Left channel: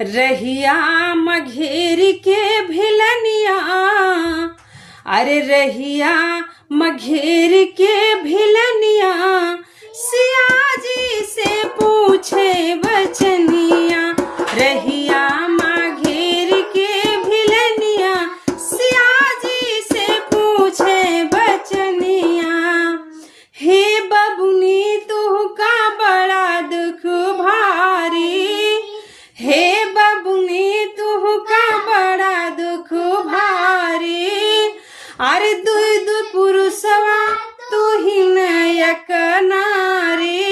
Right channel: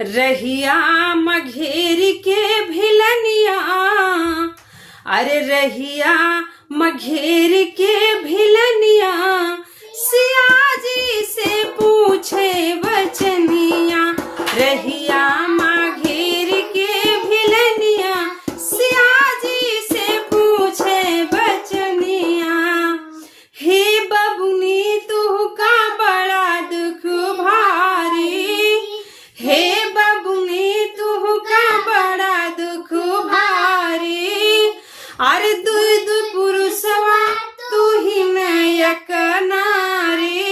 रहिया मघेर के भिलनिया, अरे रहिया मघेर के भिलनिया, सिया जी से पूछे बचनिया। रहिया मघेर के भिलनिया, सिया जी से पूछे बचनिया। हे बबुनी तू का बड़ा दुख भारी, हे बबुनी तू का बड़ा दुख भारी। अरे दुई दु पुरुषवा तू ही नायक नारी,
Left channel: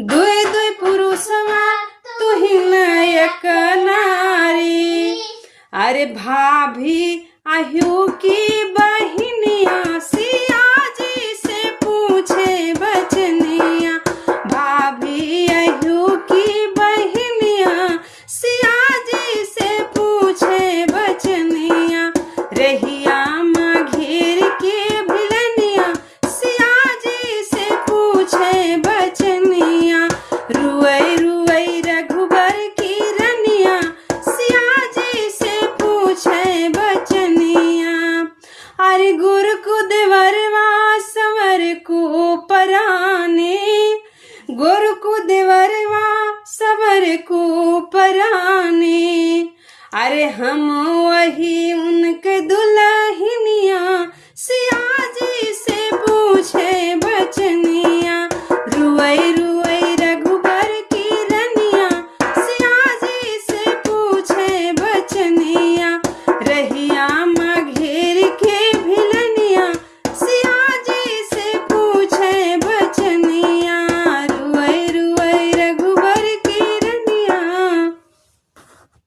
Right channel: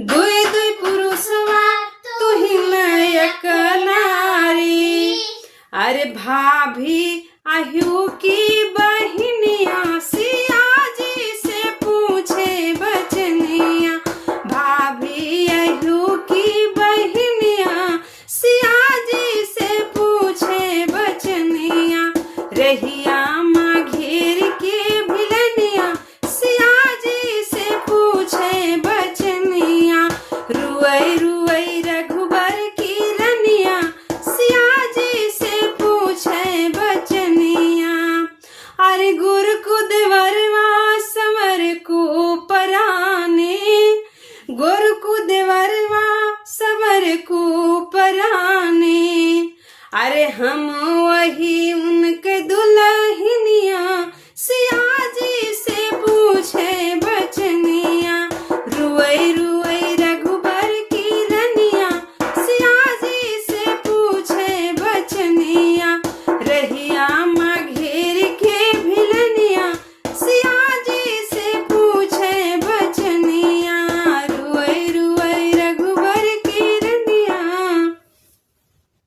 दुई दुई पुरुषवा तू ही नायक नारी। अरे भाभी आयु की बहिनिया, सिया जी से पूछे बचनिया। भाभी आयु की बहिनिया, सिया जी से पूछे बचनिया। रहिया मघेर के भिलनिया, सिया जी से पूछे बचनिया। रुई रुई रघुबर की रनिया, सिया जी से पूछे बचनिया। अरे गुरु को देवरवा संवर को पराने, गुरु को देवरवा संवर को पराने। अरे हम वही